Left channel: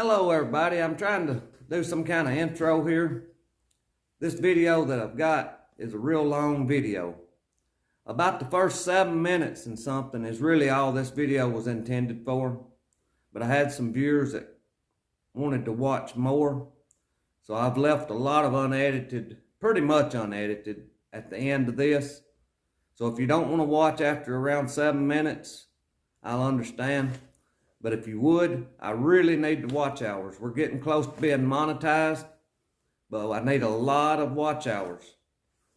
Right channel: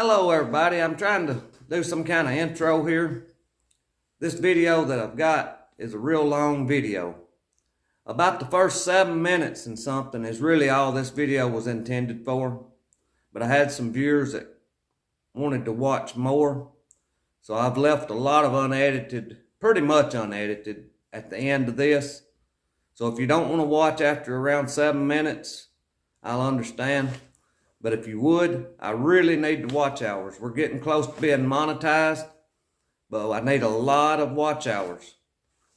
Hello everybody, I'm trying to do some kind of intro here. This video that I've got is a real long video. About the first 7 minutes and something is really all this video was intended for. But I had some viewers that wanted to watch more. So I've left a lot of unedited, pretty much unedited, at the end of this. So if you don't want to watch after around 7 minutes, I'll understand. But if you would, I really need the watch hours. We're getting close to being monetized, but I need a lot of watch hours.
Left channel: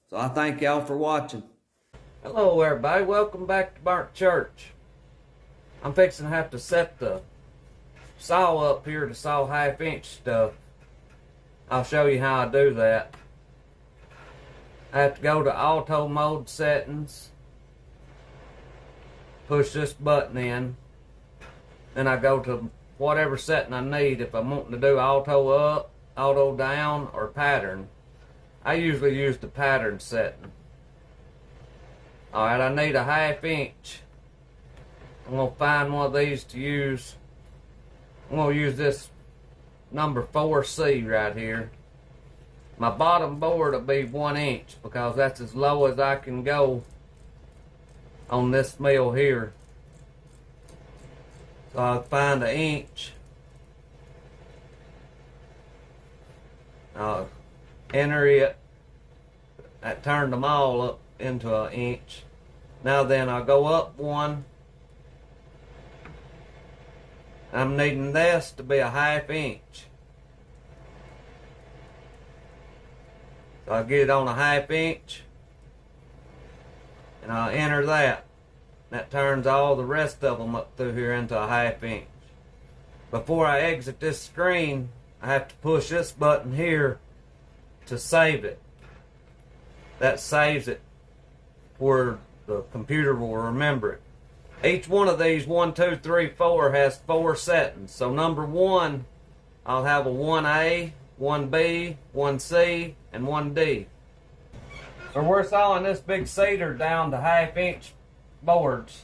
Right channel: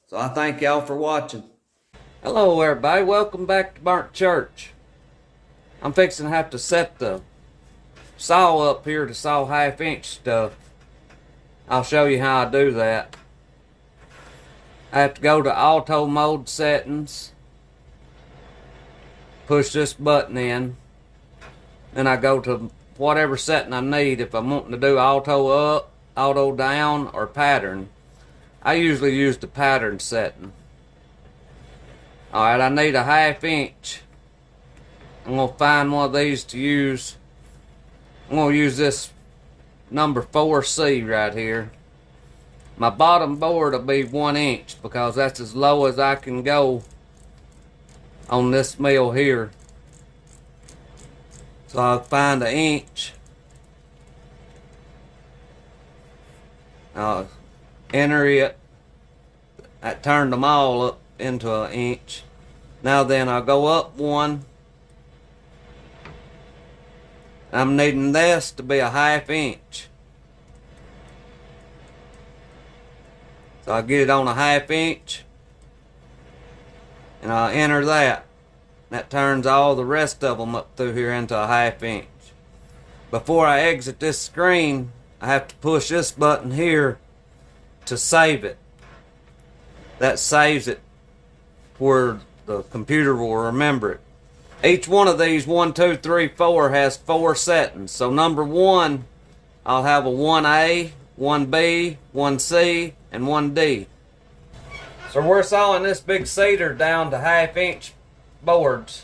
So I thank y'all for watching. Hello everybody, welcome back to burntchurch. I'm fixing to have to set the saw up here to saw 1/2 inch stuff. I'll show you how I do that. I have to go to auto mode settings, push this button in. Then I go to whatever setting I need. If I'm wanting to do auto up, auto down, or pattern. I usually use the pattern setting. Alright, I need a 1/2 inch. I'm going to find one of these to use. I'm going to use this number 4C right here. My bottom board will be 1 inch because that's as low as I can go on this mill here. So I'll find 1 inch. I'll enter it. That turned them all up into 1 inch. Now then, I'll go up 1. I'm needing this to be a 1/2 inch. So I'll get it on a 1/2 inch. And I'll enter that. That turns all the rest of them up through here into a 1/2 inch. Before I exit this screen, I have to push this button here to save it. That saves it where the computer will remember it. Each one of these 1, 2, 3, 4 has 4 settings. So number 1, I'll have a 1A, 1B, 1C, and 1D. So we're sawing this big cedar down to 1/2 inch boards.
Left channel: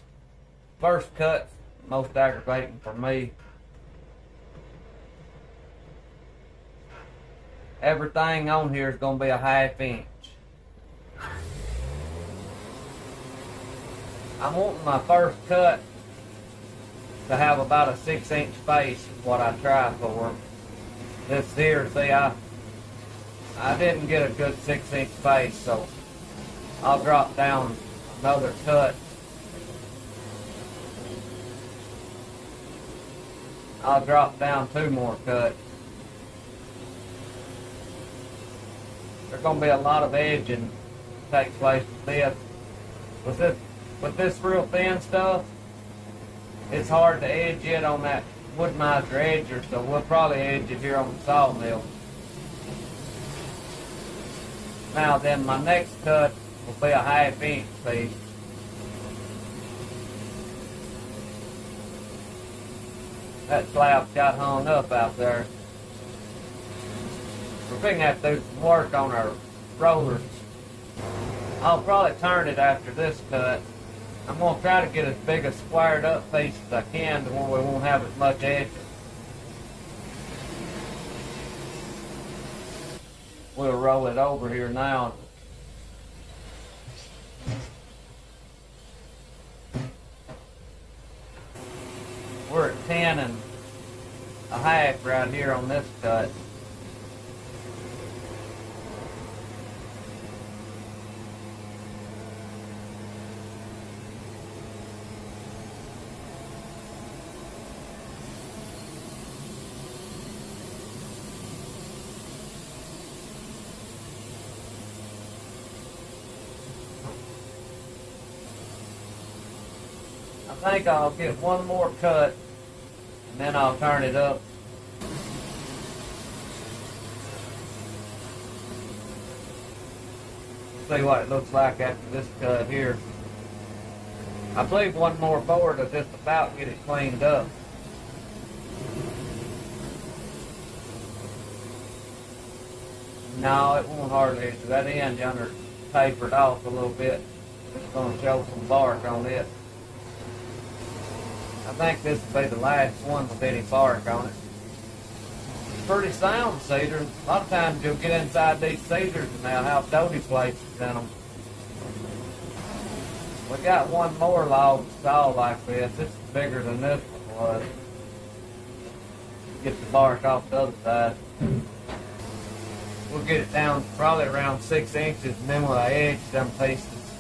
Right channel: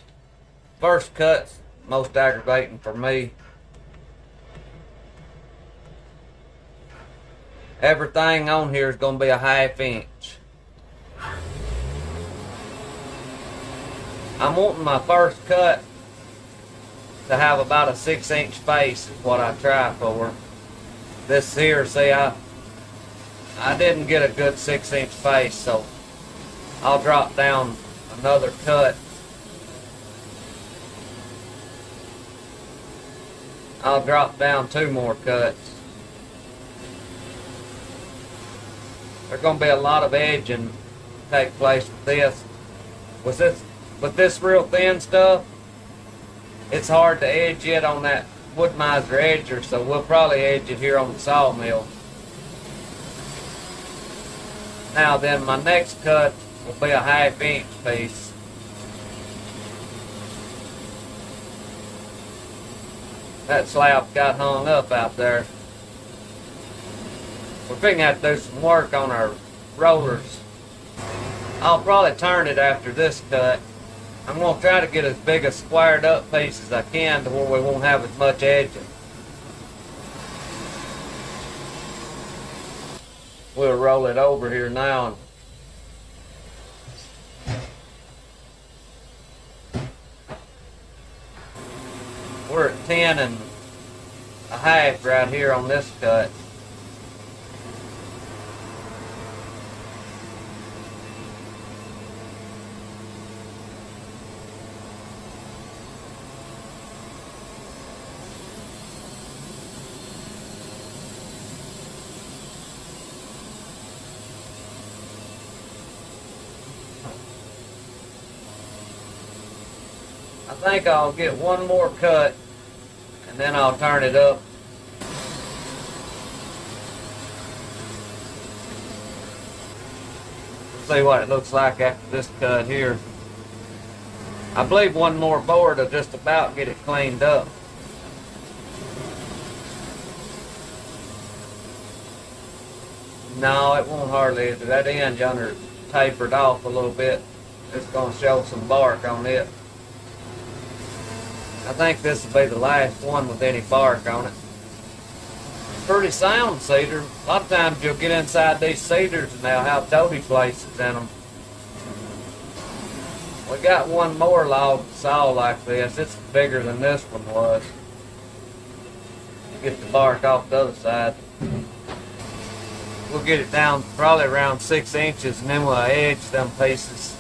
First cut's most aggravating for me. Everything on here is going to be a 1/2 inch. I'm wanting my first cut to have about a 6 inch face is what I try for. This here, see, I didn't get a good 6 inch face, so I'll drop down another cut. I'll drop down 2 more cuts. There's going to be a lot of edging take place with this. With this real thin stuff, it's hard to edge it on that Wood-Mizer edger, so we'll probably edge it here on the sawmill. Now then, my next cut will be a 1/2 inch piece. That slab got hung up out there. We're going to have to do some work on our rollers. I'll probably turn it after this cut. I'm going to try to get as big a squared up piece as I can to where we won't have as much edging. We'll roll it over here now. We're at 10 1/2 right here on this cut. I think I'll get 1 more cut and then I'll turn it up. See what it looks like after this cut here. I believe 1 more board will just about get it cleaned up. No, it won't hardly. That end yonder tapered off a little bit. It's going to show some bark on it. I think this will be the last one with any bark on it. pretty sound cedar. A lot of times you'll get inside these cedars and they'll have toady places in them. We got one more log saw like this. It's bigger than this one was. Get the bark off the other side. We'll get it down probably around 6 inches and then we'll edge them pieces.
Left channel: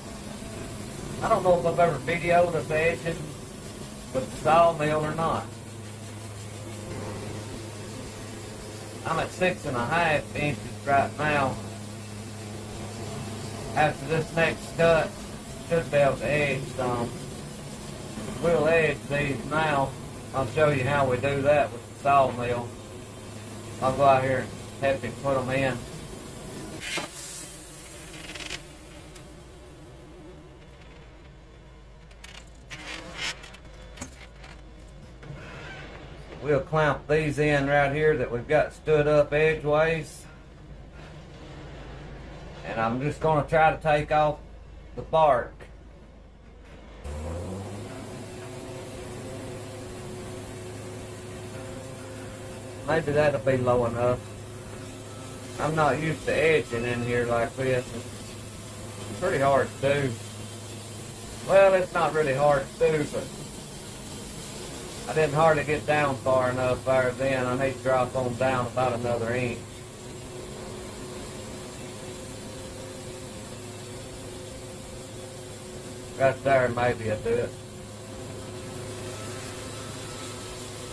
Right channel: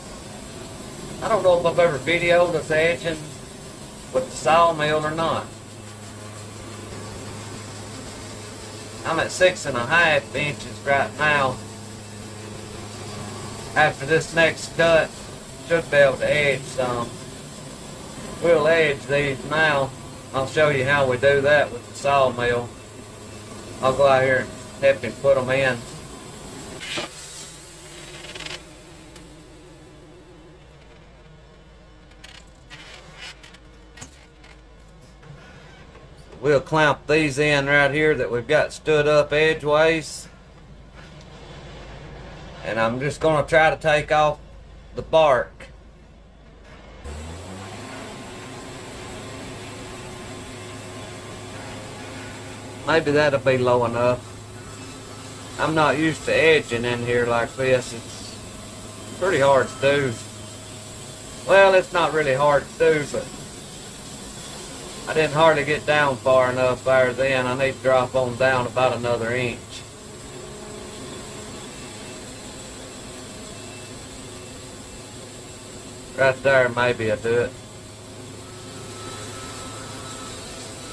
I don't know if I've ever videoed us edging with the sawmill or not. I'm at 6.5 inches right now. After this next cut, should be able to edge some. We'll edge these now. I'll show you how we do that with the sawmill. I'll go out here and help him put them in. We'll clamp these in right here that we've got stood up edgeways. And I'm just going to try to take off the bark. Maybe that'll be low enough. I'm not used to edging in here like this. It's pretty hard to do. Well, it's not really hard to do, but I didn't hardly get down far enough there then. I need to drop on down about another inch. Right there, maybe I'll do it.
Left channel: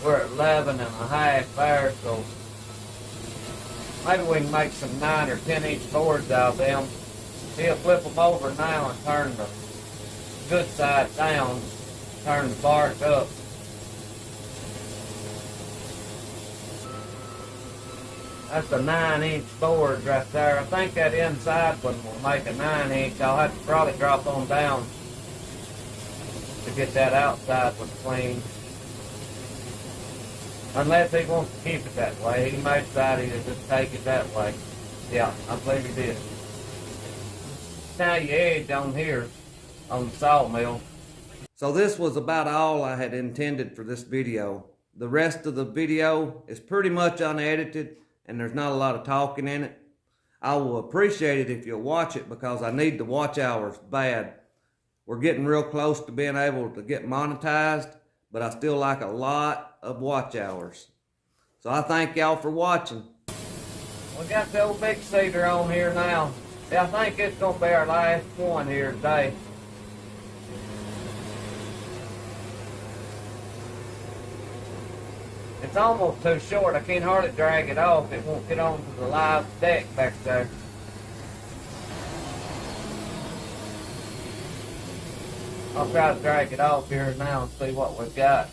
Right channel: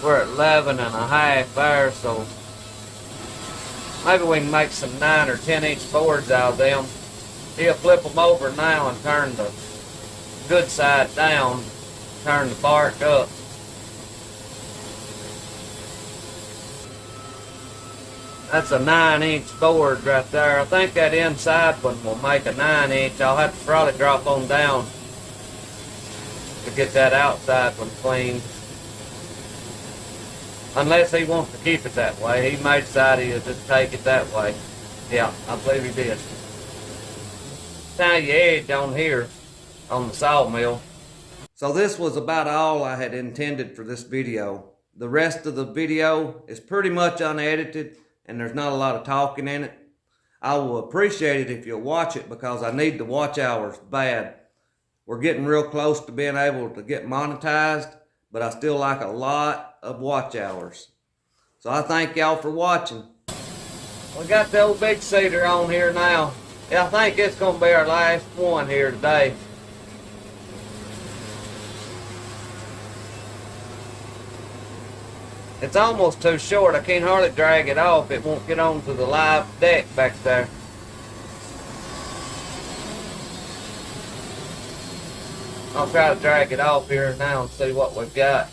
We're at 11.5 there, so maybe we can make some 9 or 10 inch boards out of them. He'll flip them over now and turn the good side down, turn the bark up. That's a 9-inch board right there. I think that inside one will make a 9-inch. I'll have to probably drop on down to get that outside one clean. Unless he wants to keep it that way. He may decide he'll just take it that way. Yeah, I believe he did. Now you edge on here, on the sawmill. So this was about all I had intended for this video. The rest of the video is pretty much unedited and there's not a lot of talking in it. I will appreciate it if you'll watch it because I need the watch hours bad. We're getting real close to being able to get monetized, but I still like a lot of watch hours. So I thank y'all for watching. We got the old big cedar on here now. Yeah, I think it's gonna be our last one here today. It's almost too short. I can't hardly drag it off. It won't get onto the live deck back there. I'll try to drag it off here now and see what we've got.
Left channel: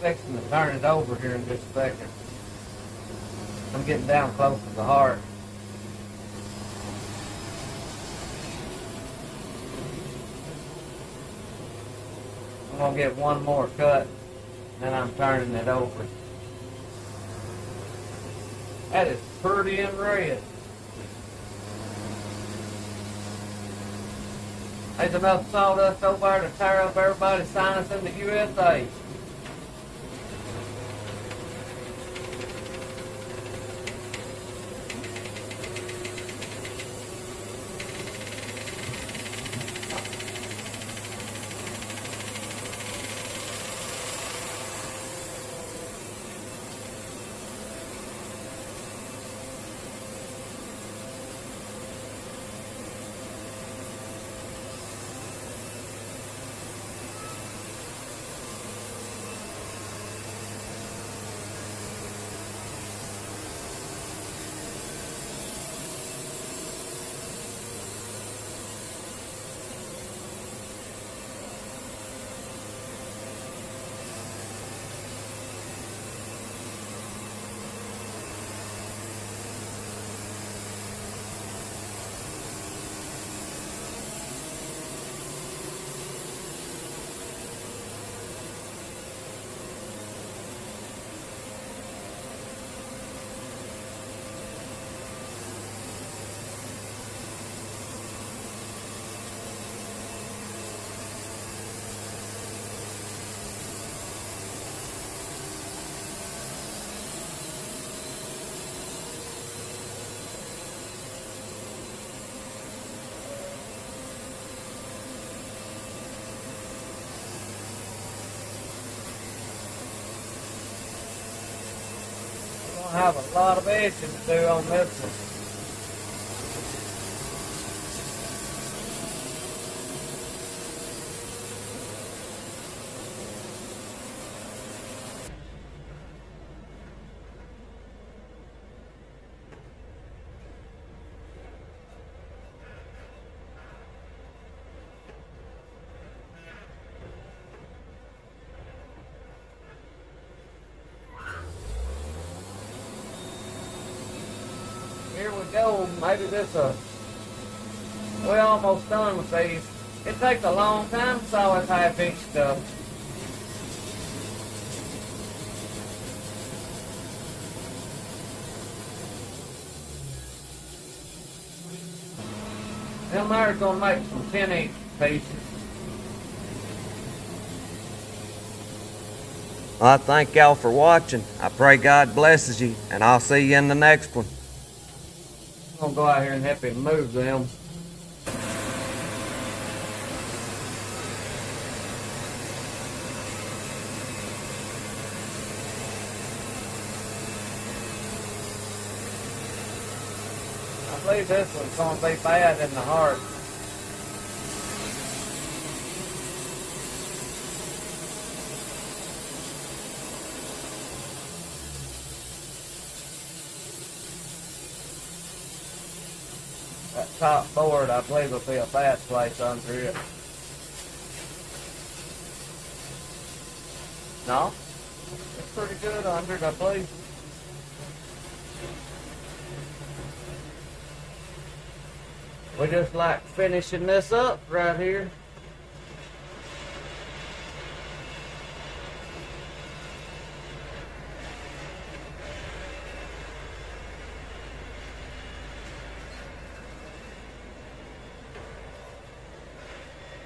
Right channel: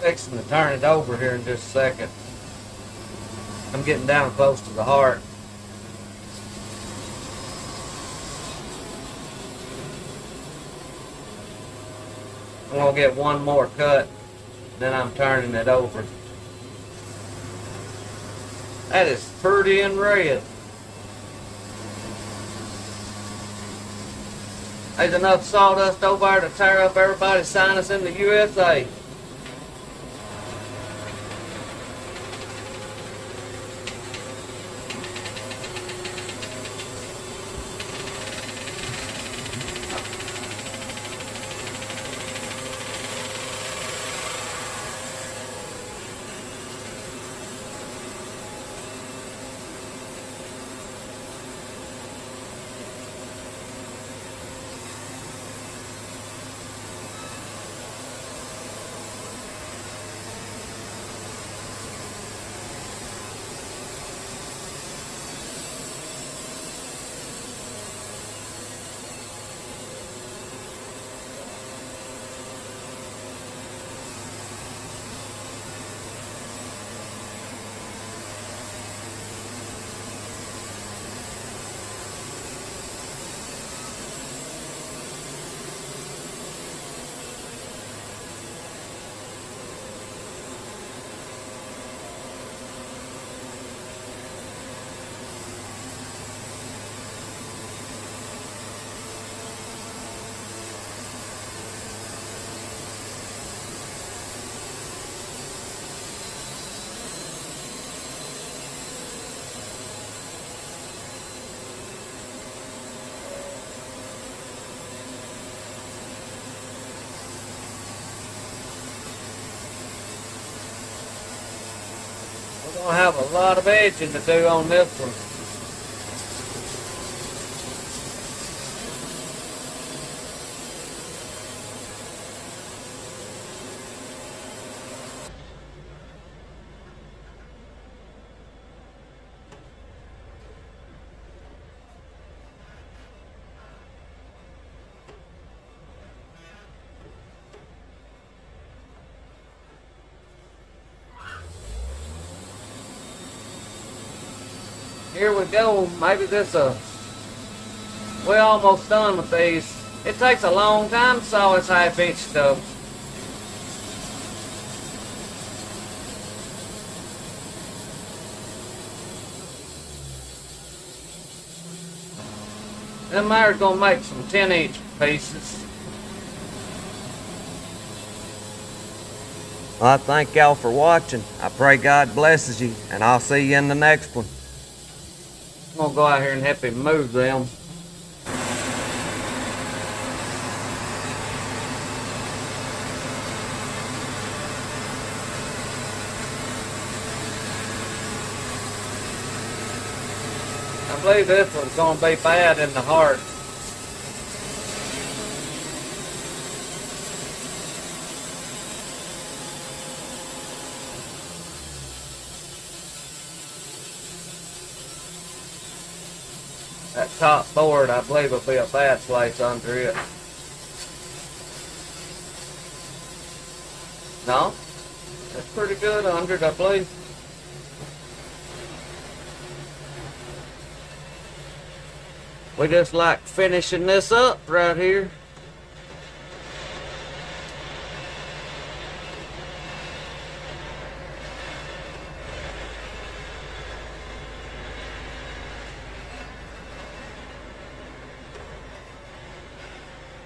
Fixing to turn it over here in just a second. I'm getting down close to the heart. I'm gonna get one more cut, then I'm turning it over. That is pretty and red. There's enough sawdust over there to tear up everybody's sinus in the USA. We're gonna have a lot of edging to do on this one. Here we go. Maybe we're almost done with these. It takes a long time to saw this half-inch stuff. Them there's gonna make some 10-inch pieces. Well, I thank y'all for watching. I pray God blesses you, and I'll see you in the next one. I'm gonna go out here and help him move them. I believe this one's gonna be bad in the heart. That top board, I believe, will be a bad place under it. No? That's pretty good under it, I believe. We just like finishing this up right here.